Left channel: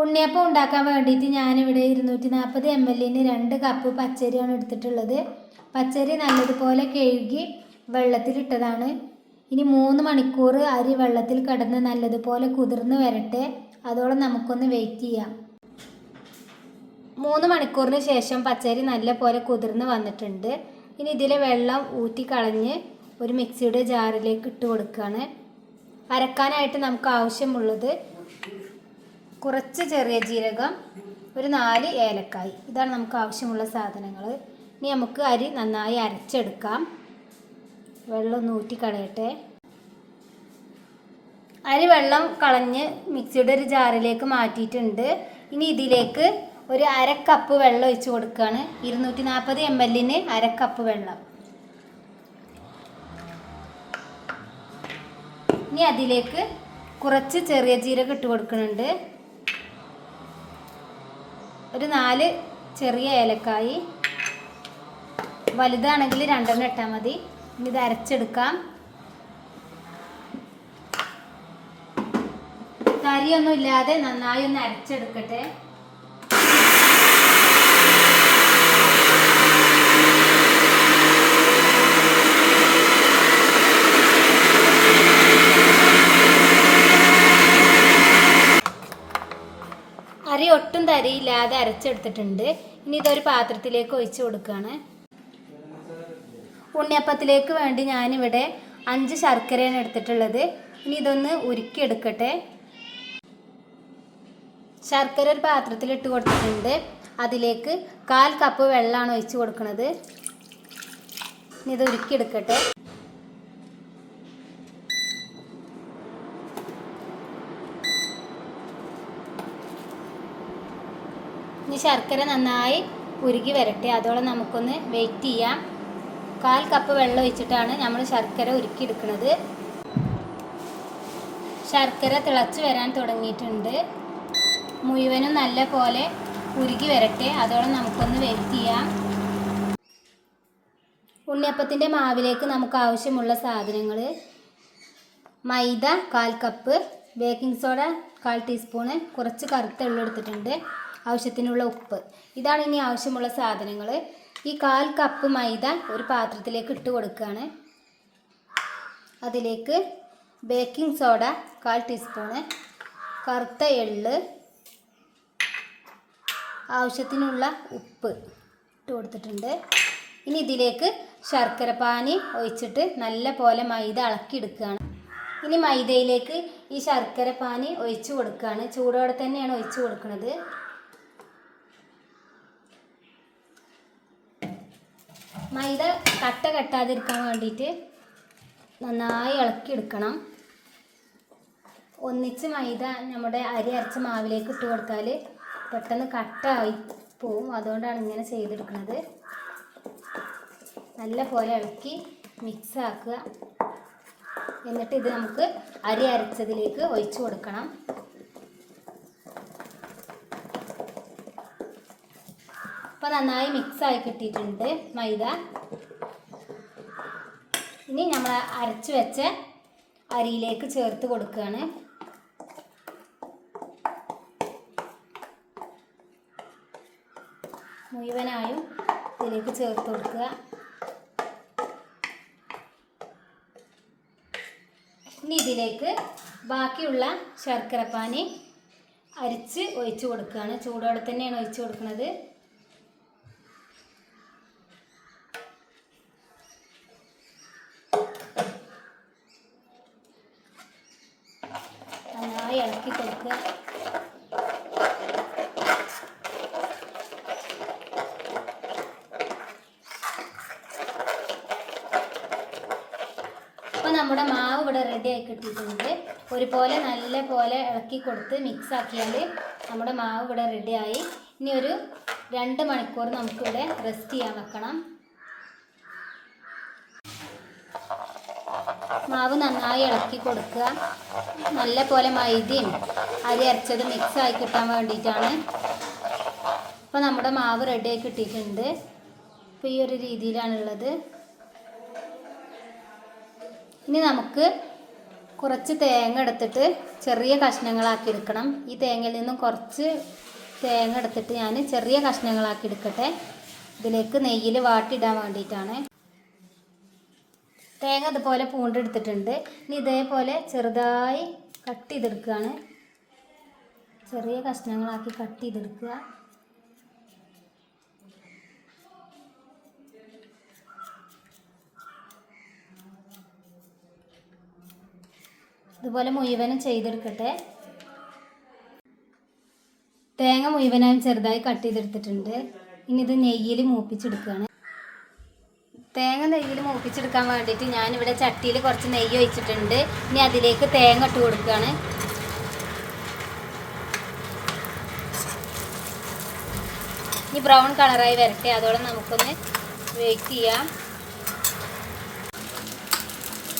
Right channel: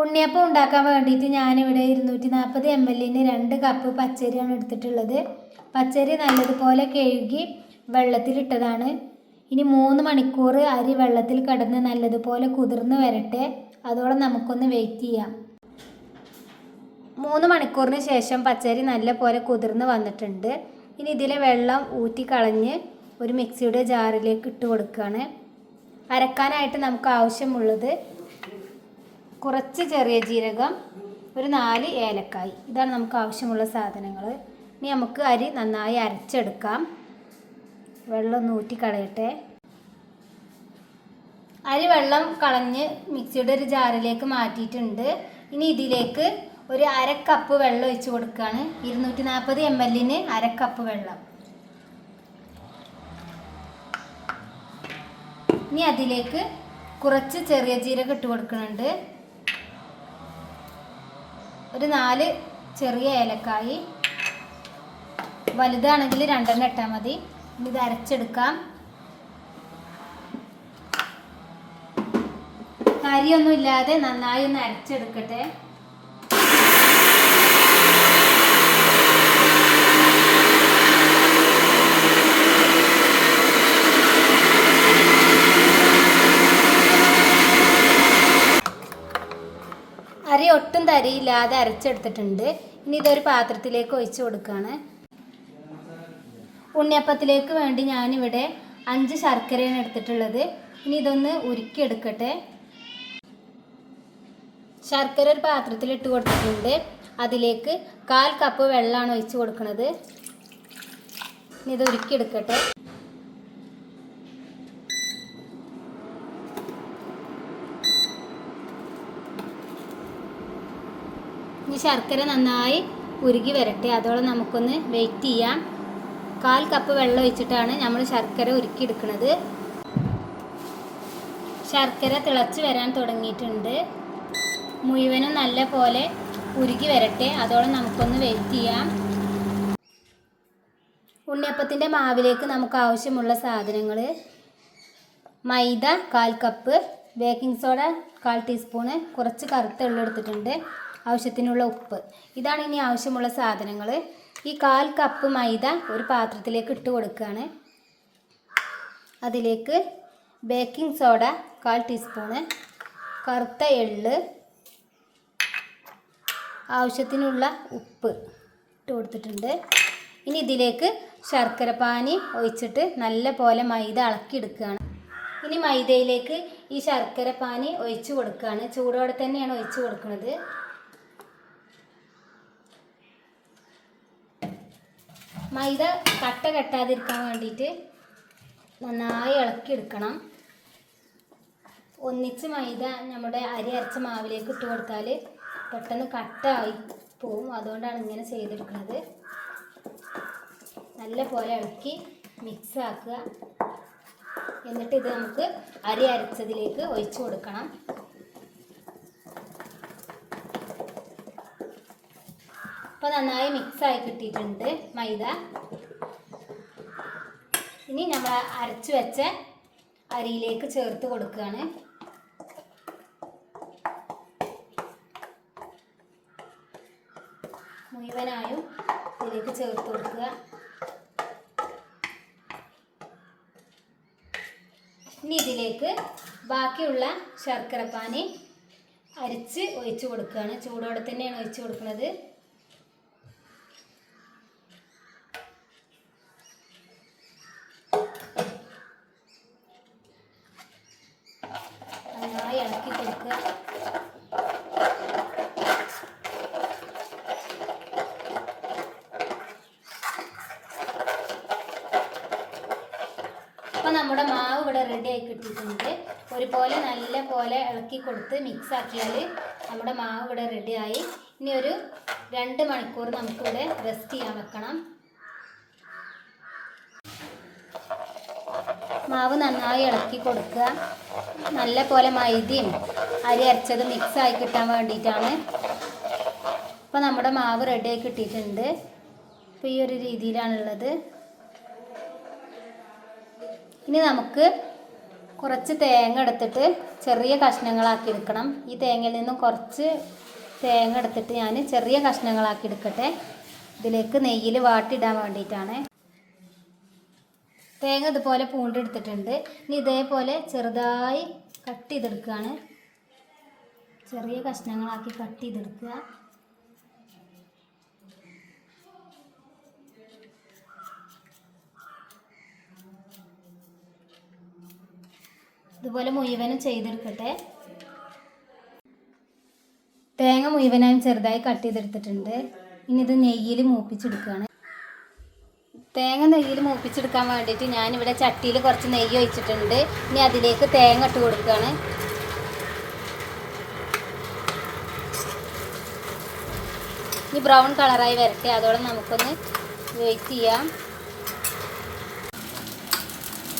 ഉണ്ണിയപ്പം ഉണ്ടാക്കാൻ വേണ്ടിയിട്ട് ഞാനിവിടെ 240 ml 2 കപ്പ് പച്ചരിയാണ് എടുത്തിട്ടുള്ളത്. പച്ചരി നല്ലതുപോലെ കഴുകി വെള്ളത്തിലിട്ടതാണ്. ഇനി 3 മണിക്കൂർ അരി വെള്ളത്തിൽ കിടന്ന് നല്ലതുപോലെ കുതിർന്ന് വരട്ടെ. അതോടെ നമുക്കൊന്ന് വെയിറ്റ് ചെയ്യാം. 3 മണിക്കൂറിന് ശേഷം പച്ചരി നല്ലപോലെ കുതിർന്ന് വന്നിട്ടുണ്ട്. ഇനി ഇതിലെ വെള്ളം ഊറ്റിക്കളഞ്ഞ് ഒരു മിക്സിയുടെ ജാറിലേക്ക് ഇട്ട് കൊടുക്കുകയാണ്. അരക്കാനായിട്ട് നമുക്ക് ആവശ്യമുള്ളത് കുറച്ച് ചെറിയ ജീരകം, ഒരു 4 ഏലക്കായ്. ഇതാണ് നമുക്ക് ആവശ്യമുള്ള സാധനങ്ങൾ. ഇനി നമുക്ക് അരി നന്നായി അരച്ചെടുക്കാം. വെള്ളം ഒന്ന് ഊറ്റിക്കളയട്ടെ. അരി വെള്ളം കളഞ്ഞ് മിക്സിയുടെ ഒരു ജാറിലേക്ക് മാറ്റിയിട്ടുണ്ട്. ഇനി ഇതിലേക്ക് ഒരു 1/2 കപ്പ് വെള്ളം ഒഴിച്ച് കൊടുക്കുകയാണ്. 240 ml 1/2 കപ്പ് വെള്ളം. ഇനി അതിലേക്ക് കുറച്ച് ചെറിയ ജീരകം ഇട്ട് കൊടുക്കുന്നുണ്ട്. ഒരു 4 ചെറിയ ഏലക്കായ്, വലുതാണെങ്കിൽ 2 ഇട്ടാൽ മതി. ഇനി ഇത് അരച്ചെടുക്കാം. കരിയൊന്നും ഇല്ലാതെ നന്നായി ഒന്ന് അരച്ചെടുക്കട്ടെ. അരി ഒട്ടും തരിയില്ലാതെ അരച്ചെടുത്തിട്ടുണ്ട്. ഇനി ഇതൊരു പാത്രത്തിലേക്ക് ഒഴിച്ച് കൊടുക്കുകയാണ്. ഉണ്ണിയപ്പത്തിലേക്ക് വേണ്ടി ഞാനിവിടെ 5 ശർക്കരയാണ് എടുത്തിട്ടുള്ളത്. ഇനി ഇതൊന്ന് ഉരുക്കിയെടുക്കട്ടെ. ശർക്കര ഒരു പാത്രത്തിൽ ഇട്ട് കൊടുത്തിട്ടുണ്ട്. അതിലേക്ക് 1/4 കപ്പ് വെള്ളമാണ് ഒഴിച്ച് കൊടുക്കുന്നത്. ഇനി ഇത് ഉരുക്കിയെടുക്കട്ടെ. ഇനി ശർക്കര നന്നായി ഉരുകി വരട്ടെ. അതോടെ നമുക്കൊന്ന് വെയിറ്റ് ചെയ്യാം. 1/4 കപ്പ് വെള്ളം ഒഴിച്ചിട്ടാണ് നമ്മൾ ശർക്കര ഉരുക്കിയെടുക്കുന്നത്. ശർക്കര തിളച്ച് വരാൻ തുടങ്ങിയിട്ടുണ്ട്. മുഴുവനും നല്ല പോലെ ഉരുകി വരട്ടെ. അതോടെ നമുക്കൊന്ന് വെയിറ്റ് ചെയ്യാം. ഉണ്ണിയപ്പത്തിൻ്റെ മാവിലേക്ക് നമുക്ക് ആവശ്യമുള്ള സാധനങ്ങൾ: മൈദ 1/4 കപ്പ്, ബേക്കിംഗ് സോഡ 1/4 ടീസ്പൂണ്, കുറച്ച് കറുത്ത എള്ള് എടുത്തിട്ടുണ്ട്, ആവശ്യത്തിനുള്ള ഉപ്പ്. ഇതാണ് ഇനി ആവശ്യമുള്ള സാധനങ്ങൾ. ഈ 1/4 കപ്പ് മൈദ ഒരു പാത്രത്തിലേക്ക് ഇട്ട് കൊടുക്കുകയാണ്. അതിലേക്ക് ബേക്കിംഗ് സോഡ 1/4 ടീസ്പൂണ്, കറുത്ത എള്ള്, ആവശ്യത്തിനുള്ള ഉപ്പ് ഇട്ട് കൊടുത്തിട്ടുണ്ട്. ഇനി ഇതിലേക്ക് ശർക്കര പാനി ഒഴിച്ചിട്ട് നല്ല പോലെ മൈദ ഇളക്കിയെടുക്കുകയാണ്. ഇനി മൈദയിലേക്ക് ഈ ശർക്കര പാനി ഒഴിച്ച് കൊടുക്കുകയാണ്. ചൂടോടെ തന്നെയാണ് ഒഴിച്ച് കൊടുക്കുന്നത്. മൈദ കട്ട കെട്ടാതിരിക്കാൻ വേണ്ടിയിട്ട് നന്നായി ഇളക്കിയെടുക്കണം. ഒന്നിച്ച് മൈദ നമ്മുടെ അരി അരച്ച മാവിലേക്ക് ഇട്ട് കൊടുത്താൽ പെട്ടെന്ന് കട്ടായി പോവും. അതുകൊണ്ടാണ് ഇങ്ങനെ ചെയ്തെടുക്കുന്നത്. നല്ല പോലെ ഇളക്കി മിക്സ് ആക്കുക. എന്നിട്ട് ഇത് നമുക്ക് അരി അരച്ചതിലേക്ക് ഒഴിച്ചു കൊടുക്കണം. അപ്പോൾ നന്നായി മിക്സായി കിട്ടിയിട്ടുണ്ട് മൈദ. ഇനി നമ്മൾ അരച്ച് വെച്ച അരിയിലേക്ക് ചേർത്ത് കൊടുക്കുകയാണ്. മുഴുവനായും ഇതിലേക്ക് ചേർത്ത് കൊടുക്കുക. ഇനി ഇതിലേക്ക് ബാക്കിയുള്ള ശർക്കരപ്പാനി അരിച്ച് ഒഴിച്ച് കൊടുക്കുകയാണ്. ചൂടോടെ തന്നെയാണ് ഒഴിച്ച് കൊടുക്കുന്നത്. നന്നായി ഇളക്കി കൊടുക്കുക. അപ്പോൾ നമ്മുടെ മാവ് ഇവിടെ റെഡി ആയി കിട്ടിയിട്ടുണ്ട്. ഒരുപോലെ നല്ല പോലെ ഇളക്കി കൊടുത്ത് മിക്സ് ആക്കിയാൽ നമ്മുടെ മാവ് ഇവിടെ റെഡിയായി. ഇനി ഒരു 2 മണിക്കൂർ നമുക്കിവിടെ റെസ്റ്റ് ചെയ്യാൻ വെക്കണം. മാവ് നന്നായി ഇളക്കി കൊടുക്കുക. നല്ല പോലെ മൈദയും അരി അരച്ചത് മിക്സായി കിട്ടാൻ വേണ്ടിയിട്ടാണ്. അപ്പോൾ നമ്മുടെ മാവ് റെഡിയായി കിട്ടിയിട്ടുണ്ട്. അപ്പോൾ ഈ ഒരു രീതിയിലാണുള്ളത്. ഇനി നമുക്ക് കുറച്ച് തേങ്ങ എടുത്തിട്ട് ചെറിയ കഷ്ണങ്ങളാക്കി എടുക്കണം. ഈ തേങ്ങയിൽ നിന്നും കുറച്ച് തേങ്ങ എടുത്തിട്ട് ഞാൻ ചെറിയ കഷ്ണങ്ങളാക്കി എടുക്കട്ടെ. ഇതിലേക്ക് നെയ്യിൽ വാട്ടിയിടാൻ വേണ്ടിയിട്ടാണ്. തേങ്ങ ഇതുപോലെ പൂണ്ടെടുത്തിട്ടുണ്ട്. ഇനി ഇതേപോലെ ചെറുതായി കട്ട് ചെയ്തെടുക്കുകയാണ്. ചെറിയ കഷ്ണങ്ങളാക്കി കട്ട് ചെയ്തെടുക്കുക. ഇതുപോലെ മുഴുവനും ചെയ്തെടുക്കട്ടെ. തേങ്ങ മുഴുവനായും ചെറുതായി കട്ട് ചെയ്തെടുത്തിട്ടുണ്ട്. ഇനി ഇത് നെയ്യിൽ മൂപ്പിച്ചെടുക്കുകയാണ്. തേങ്ങ നെയ്യിൽ മൂപ്പിച്ചെടുക്കാൻ വേണ്ടിയിട്ട് ഞാനിവിടെ ചട്ടിയിൽ കുറച്ച് നെയ്യ് ഒഴിച്ചിട്ടുണ്ട്. ഇനി അതിലേക്ക് തേങ്ങ ഇട്ട് കൊടുക്കുകയാണ്. ഇനി ബ്രൗൺ കളറായി വരട്ടെ, അതോടെ നമുക്കൊന്ന് വെയിറ്റ് ചെയ്യാം.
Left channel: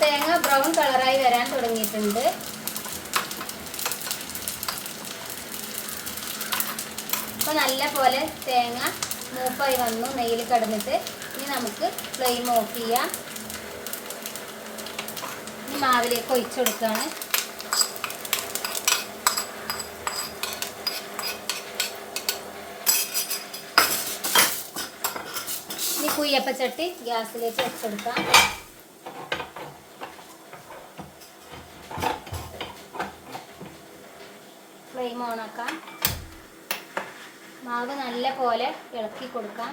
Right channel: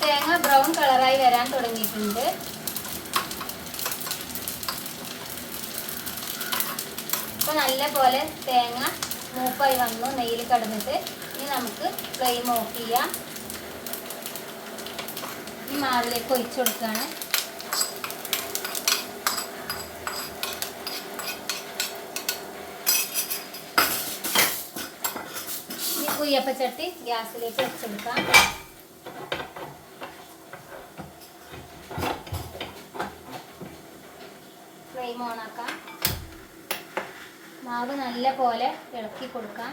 തേങ്ങ ബ്രൗൺ കളറായി വരാൻ തുടങ്ങിയിട്ടുണ്ട്. അപ്പോൾ നല്ല പോലെ തേങ്ങ മൂപ്പായി വന്നു നെയ്യിൽ കിടന്നിട്ട്. ഇനി നമുക്ക് ഫ്ലെയിം ഓഫ് ചെയ്യാം. ഈ മാവിലേക്ക് ഒഴിച്ചു കൊടുക്കുകയാണ്. ഈ കുയ്യപ്പച്ചട്ടി ഗ്യാസിലേക്ക് വെച്ചെടുക്കാം. ഫ്ലെയിം ഓണാക്കാം. മാവ് നല്ല പോലെ ഇളക്കി കൊടുക്കാം.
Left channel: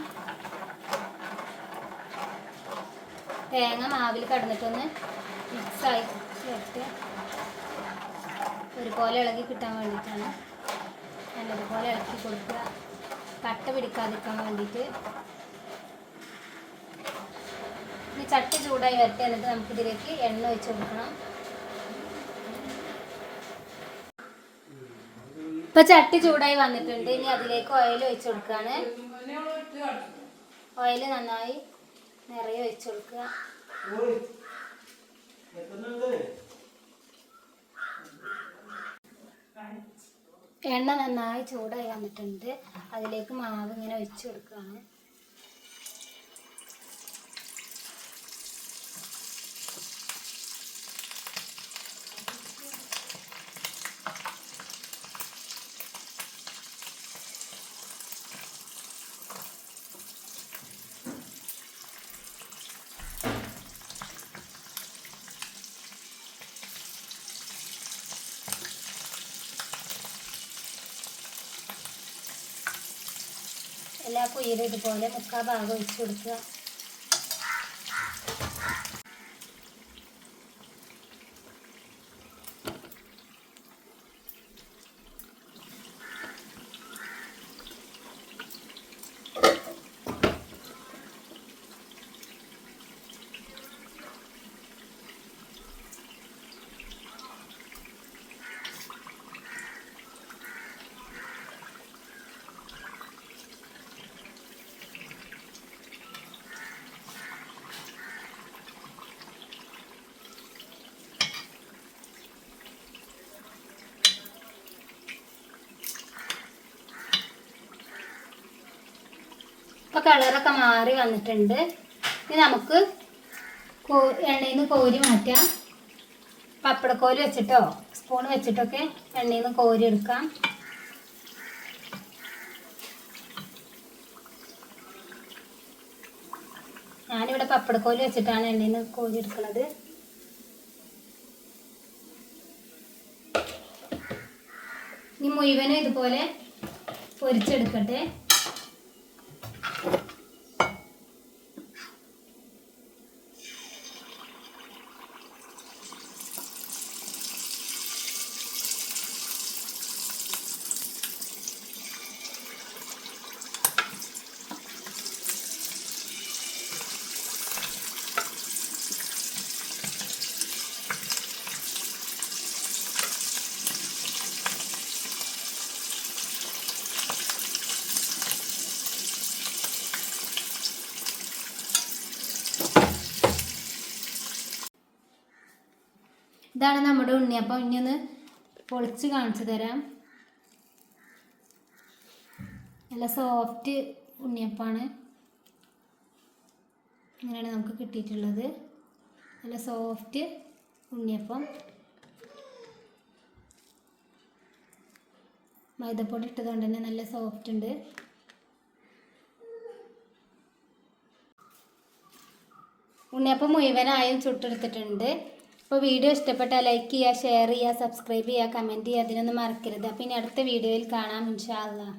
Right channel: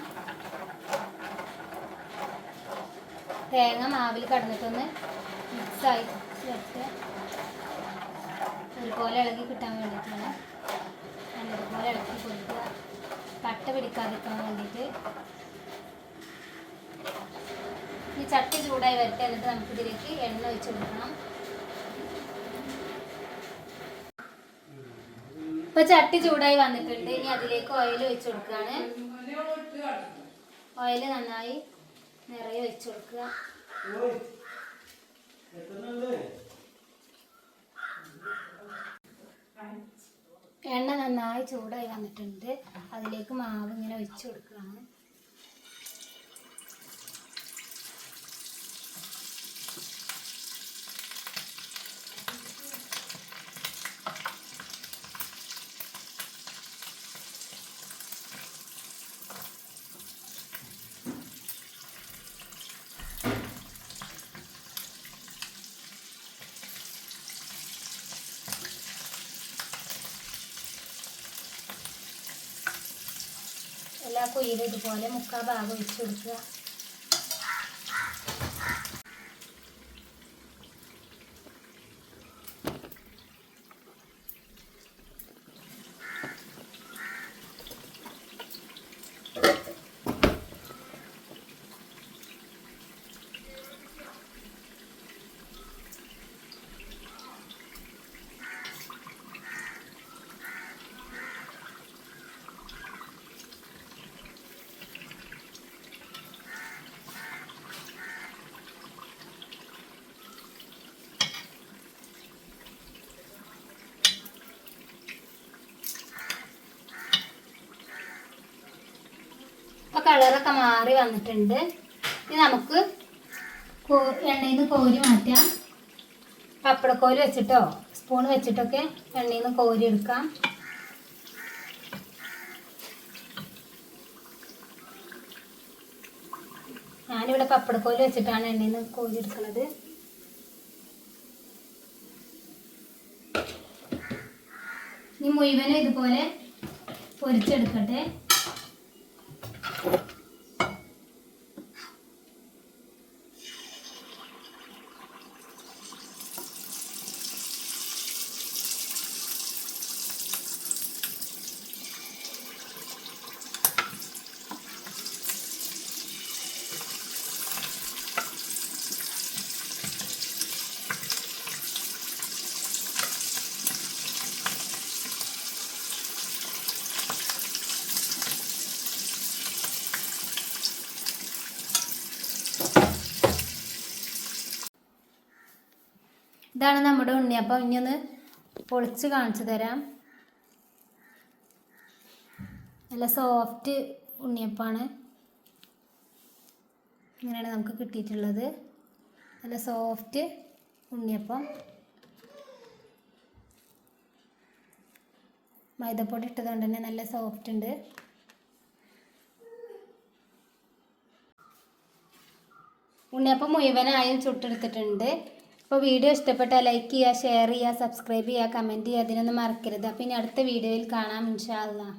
തേങ്ങ മാവിൽ കടന്നിട്ടൊന്ന് മിക്സായി ചേർത്ത് ഒരുപോലെ ഇളകി കിട്ടാൻ വേണ്ടിയിട്ടാണ്. നല്ലതുപോലെ ഇളക്കി കൊടുക്കുക, കട്ട പിടിക്കാതിരിക്കാൻ വേണ്ടിയിട്ട്. ഇനി ചട്ടി ചൂടായി വരട്ടെ. എന്നിട്ട് നമുക്കിതിലേക്ക് എണ്ണ ഒഴിച്ച് കൊടുക്കണം. ഇപ്പം ചട്ടി ചൂടായി വന്നിട്ടുണ്ട്. ഇനി അതിലേക്ക് ഓയിൽ ഒഴിച്ച് കൊടുക്കുകയാണ്. ഓയിൽ നന്നായി നിറയെ ഒഴിച്ച് കൊടുക്കുക. എണ്ണ നന്നായി ചൂടായി വന്നിട്ടുണ്ട്. അതിലേക്ക് മാവ് ഇങ്ങനെ ഒഴിച്ച് കൊടുക്കുകയാണ്. എല്ലാ കുയിലും ഇതുപോലെ മുക്കാൽ ഭാഗം ഒഴിച്ച് കൊടുക്കുക. ഇപ്പോൾ കളറൊക്കെ മാറി വന്നിട്ടുണ്ട്. ഇനി നമുക്ക് എണ്ണയിൽ നിന്ന് കോരി മാറ്റാം. പപ്പടക്കോല് വെച്ചിട്ടോ സ്പൂൺ വെച്ചിട്ടൊക്കെ എണ്ണയിൽ നിന്ന് കോരി എടുക്കാം. ഞാനിവിടെ പപ്പടക്കോല് വെച്ചിട്ടാണ് എണ്ണയിൽ നിന്ന് കോരി എടുക്കുന്നത്. ഇനി മുഴുവനും ഇതുപോലെ പൊരിച്ചെടുക്കട്ടെ. ഇതാണ് നമ്മുടെ ഉണ്ണിയപ്പം. ഇനി ഒന്ന് പൊളിച്ച് കാണിച്ചു തരാം. നല്ല സോഫ്റ്റ് ഉണ്ണിയപ്പമാണ്. ഇങ്ങനെയാണ് നമുക്ക് കിട്ടിയിട്ടുള്ളത്. നല്ല സോഫ്റ്റ് ഉണ്ണിയപ്പം. മൈദപ്പൊടി ഇട്ടതുകൊണ്ട് തന്നെ നല്ല സോഫ്റ്റ് ഉണ്ട്. ഉണ്ണിയപ്പം മുഴുവനായും ചുട്ടെടുത്തിട്ടുണ്ട്. അപ്പോൾ വീഡിയോ ഇഷ്ടപ്പെട്ടാൽ ലൈക്ക് ചെയ്യുക, ഷെയർ ചെയ്യുക, സബ്സ്ക്രൈബ് ചെയ്യുക, കമൻറ്റ് ചെയ്യുക, അതിനൊന്നും മറക്കരുത്. അപ്പോൾ ഇനി അടുത്ത വീഡിയോയിൽ കാണാം ഇൻഷാ അല്ലാഹ്.